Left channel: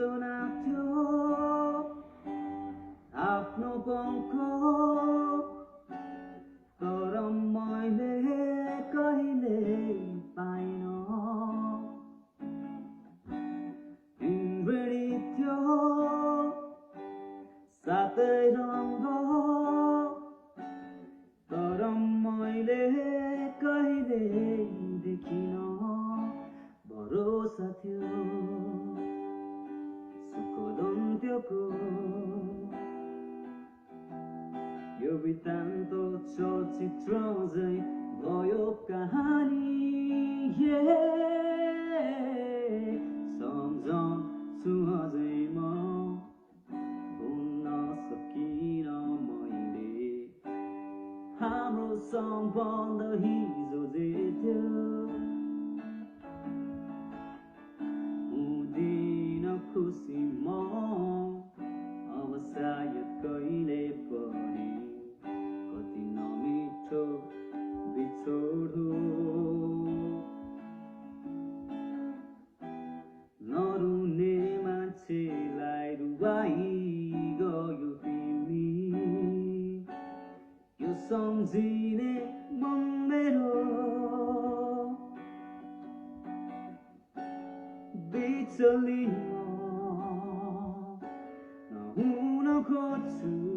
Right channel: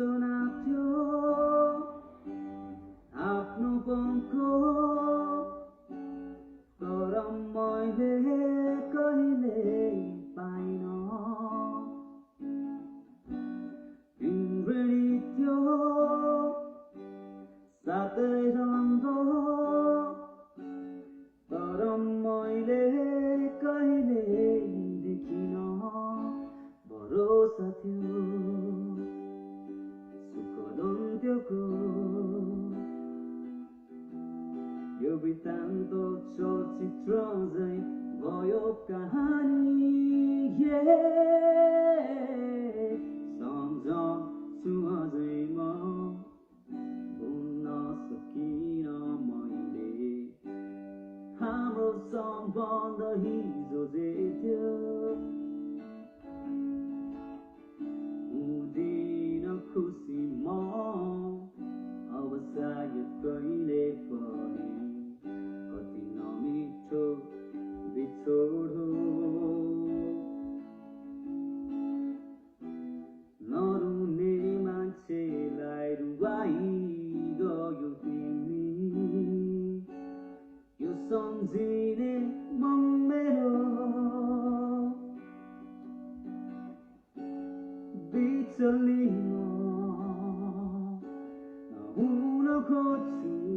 सुनाथ्यो आफ्नो पङ्खो तर मैले कहिले पाइन तिम्रै थियो सातै रङ्ग तर मैले कहिले देखिन भरोसा थियो सुखदन्त्यको यो वृत्तान्त चलचित्र झै भयो कहानी सम्झन्छु अझै म भुल्न सकिन मैले हाम्रो सम्बन्ध हिजो जे थियो हुँदिन खुसी म अब सायद कहिले पनि कति नमिठो बिछोड हो नरुने मान्छेलाई रुवाई गयो तिमी यो सम्झिने मन मेरो बिचली म नहुन खोज्छु